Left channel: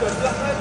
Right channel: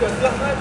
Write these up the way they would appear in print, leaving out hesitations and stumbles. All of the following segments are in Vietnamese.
เ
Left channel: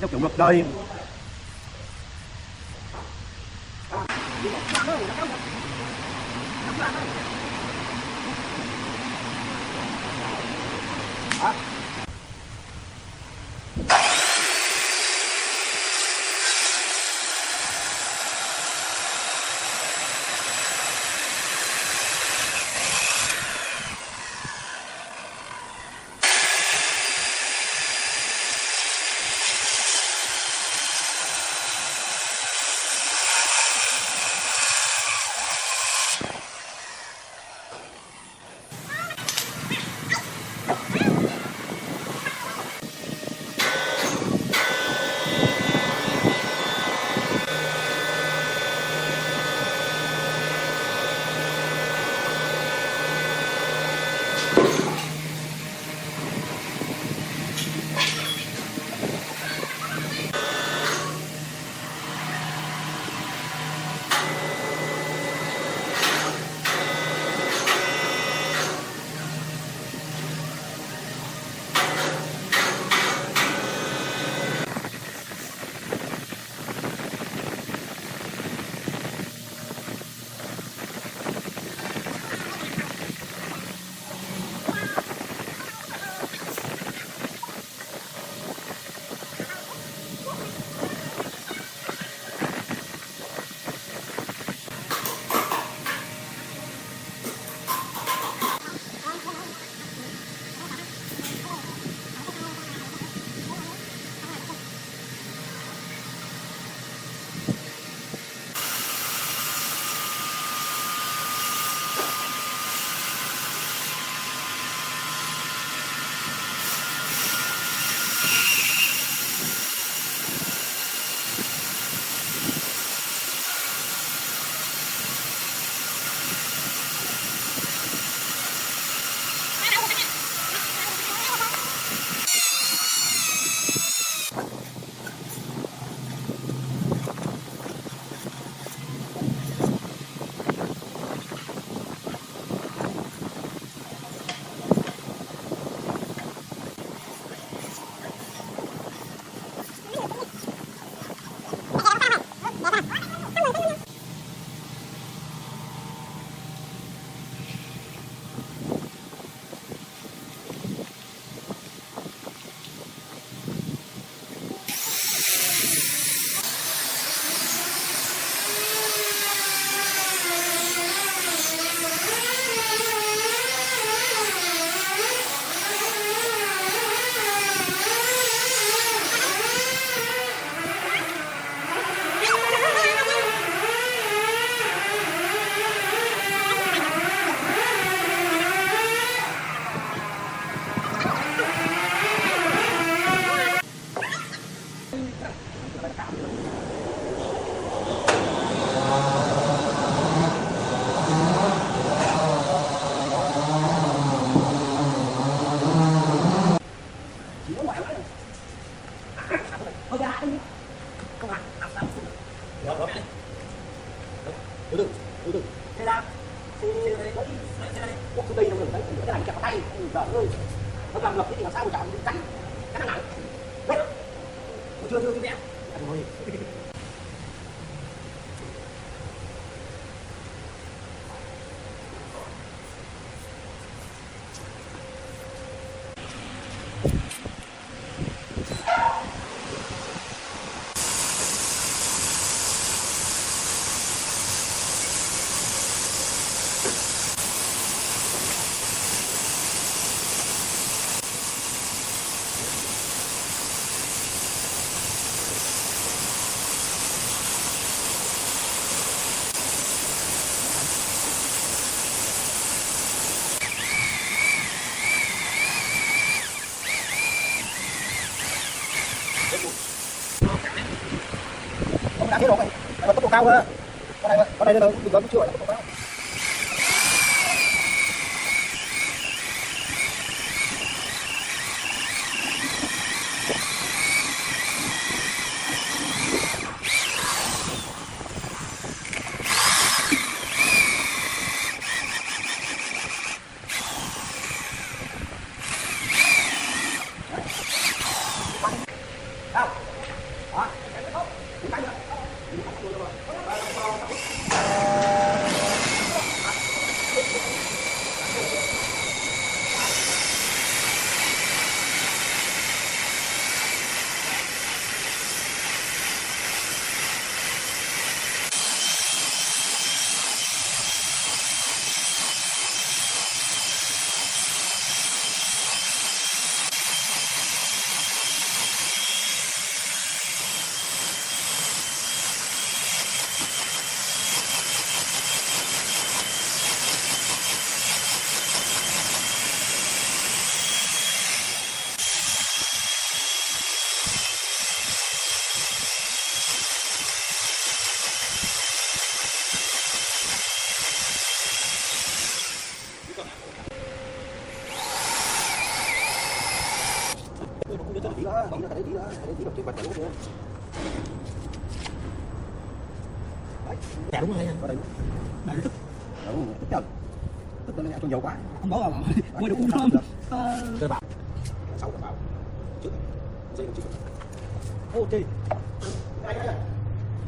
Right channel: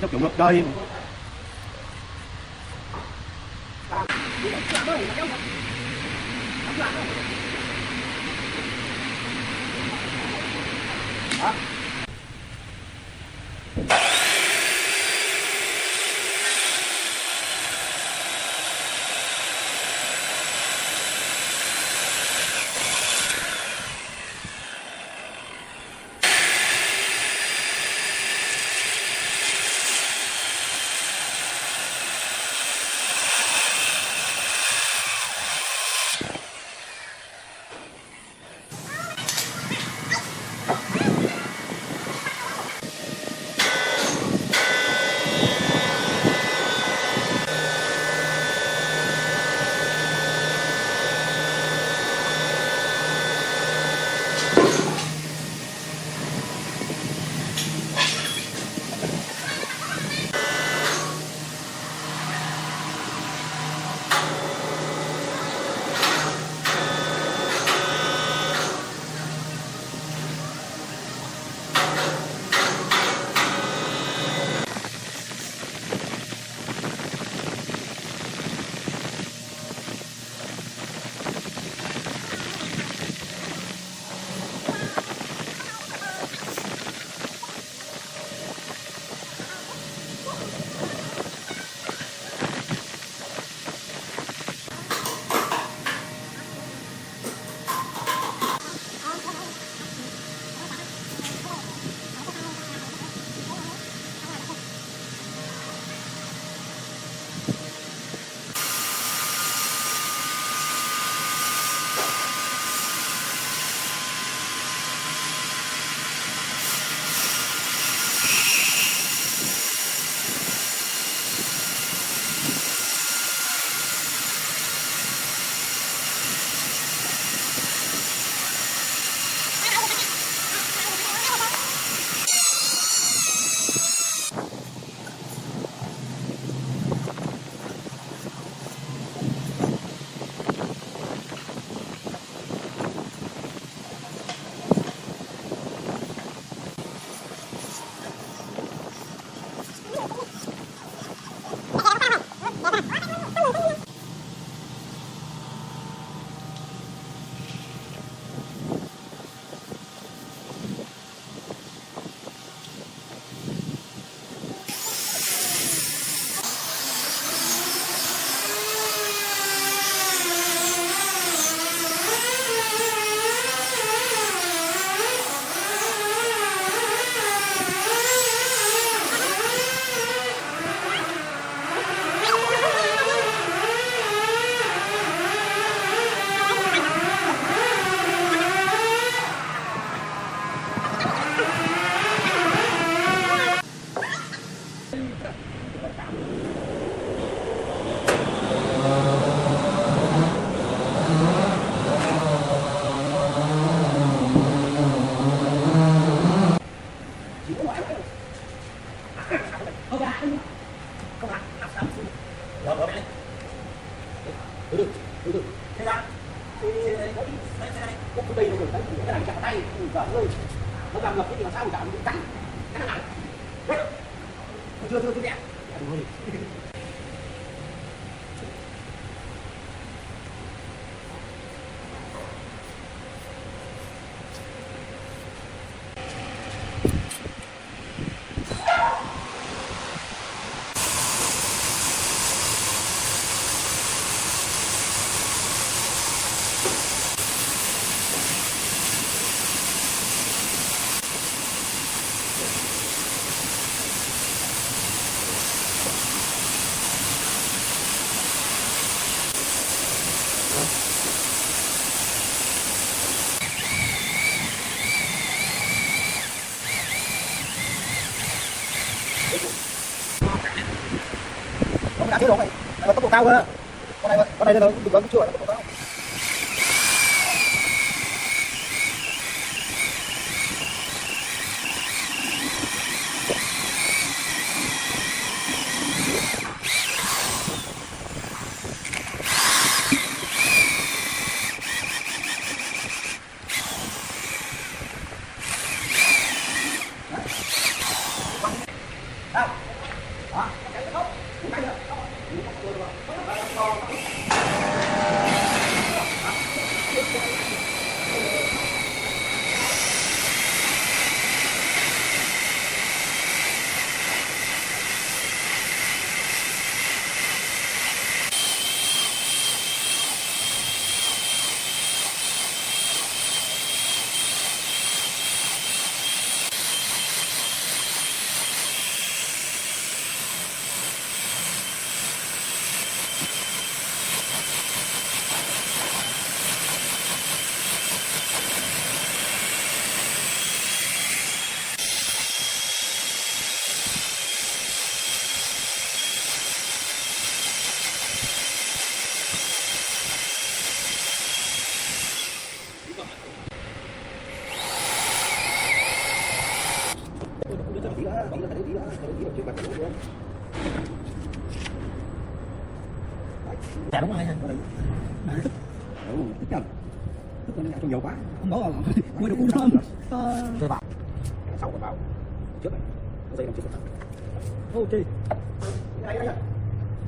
cứ theo kiểu ngược đời. Cao hơn á. Con này lớn thì vẫn chưa phải. Dạ đúng rồi đây. Ồ, thích nhờ. Tức là tôi nhiều quá. Không bỏ vào. Tôi đúng không? Tôi bảo. Sau rồi bảo. Trước. Dây đằng trước. Ok. Đây đây.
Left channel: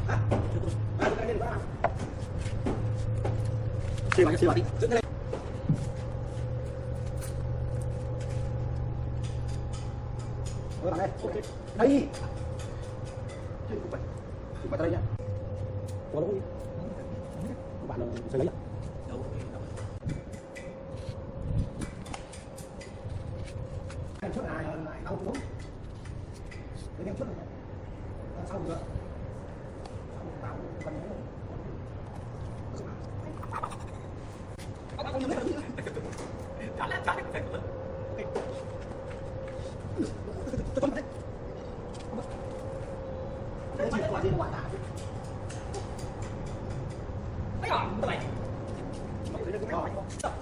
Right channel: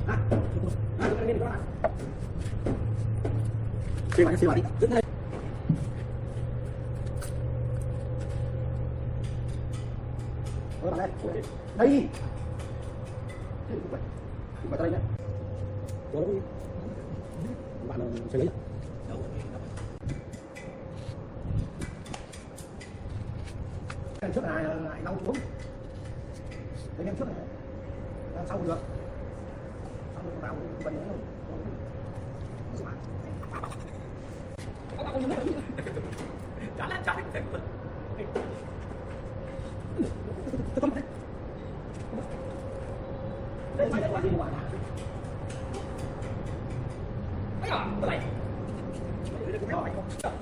À, cái này quá. Xin lỗi đi. Đứng lên. Đây. Đây. Mà đây nhé. Có đúng không? Bạn là sẽ lấy. Cái trước này lại đau xuống. Cái em trước này. Sau được. Tạo vấn đề không?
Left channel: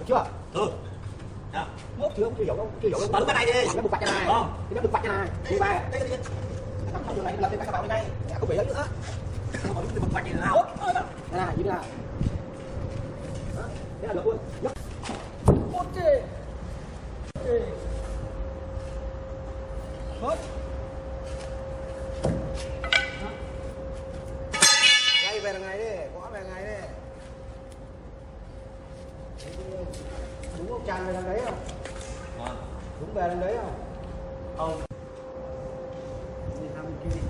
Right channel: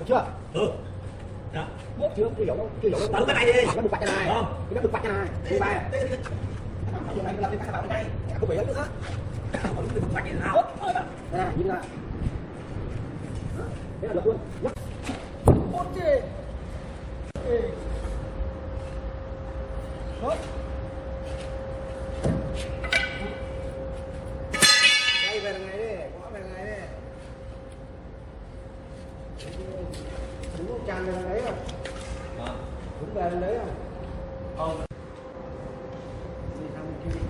Chưa? Ừ. Dạ. Mốt chưa hiểu đâu, chưa hiểu đâu. Tao cái này đi. Cái một vạch cái này. Cái được vạch cái này. Đi ba. Thằng này là cái bảo đây. Không phải nữa. Một vạch này nào. Đây, nhìn ra. Thế là được luôn. Ok. Rồi. Đây về là ngày đi, gõ về ngày đi. Đúng không? Tràn về đằng đấy không? Đúng về đằng đấy không? Không. Đi thăm kia.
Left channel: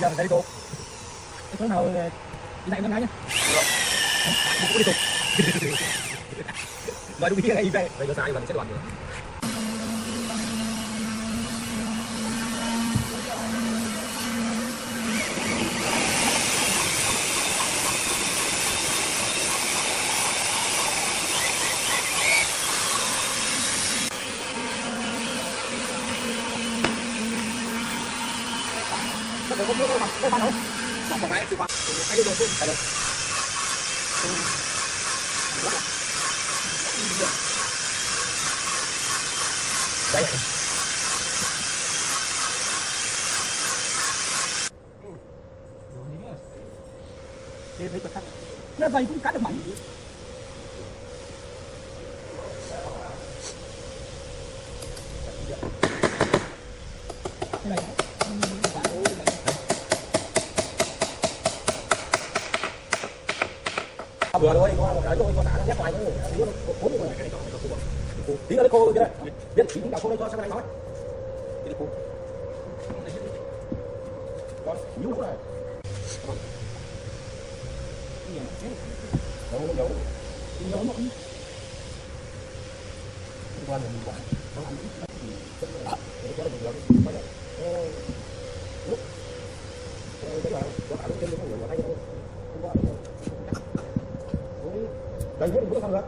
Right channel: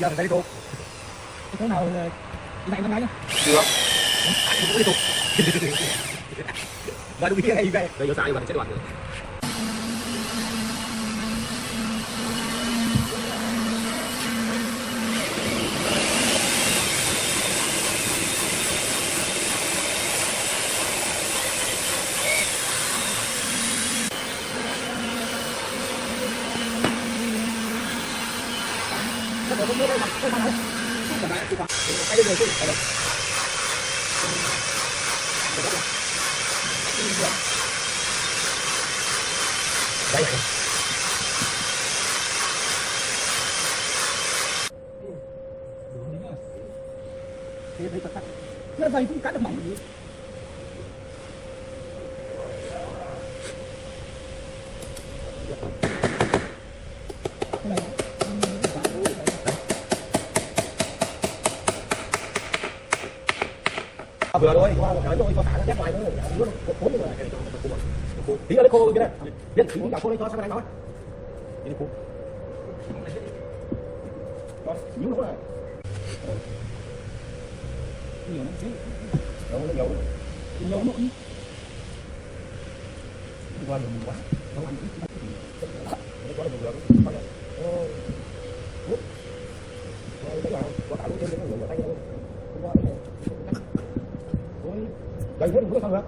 giờ mình sẽ đi cô chỗ nào đi này con gái nhá được không đi tục mà đúng cái này vậy đây nó sai mà sẽ làm được nó vay cũng cá được mỏng vừa rồi ở tôi có thả nó chết ngoài nữa cuốn nó lại tí nó khô rồi kìa dân chỉ cho khô cho sang đây thôi tí nó khô con yếu rồi qua đường quá Hãy subscribe cho kênh Ghiền Mì Gõ để không bỏ lỡ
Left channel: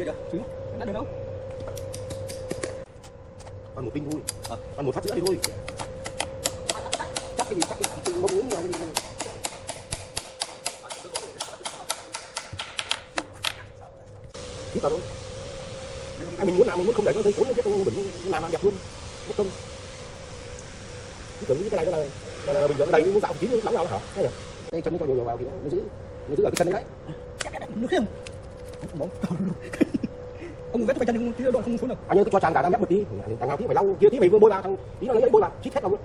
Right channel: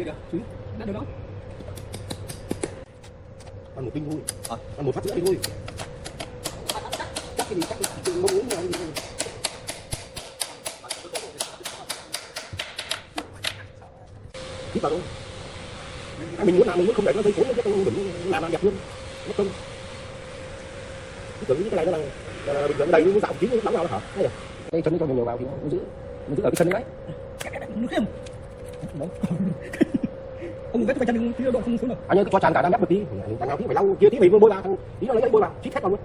kia được chứ nó được đâu ăn một tinh thôi ăn một phát sữa thôi chắc gì chắc tự mong muốn không thích vào thôi mình muốn làm mình muốn không để nó thành cuốn chứ mình làm đẹp hơn không tưởng cái này mình phải đánh muốn tạo kín đóng vào đó hả đây cho nhiều vào giữ ở cái chân đấy ông vết cái chân chứ độ không xuống được anh ơi cho tràn cả 5 mét một tí thằng nào cũng phải lau tí bị bôi vào tí nó lấy bôi vào chít hết vào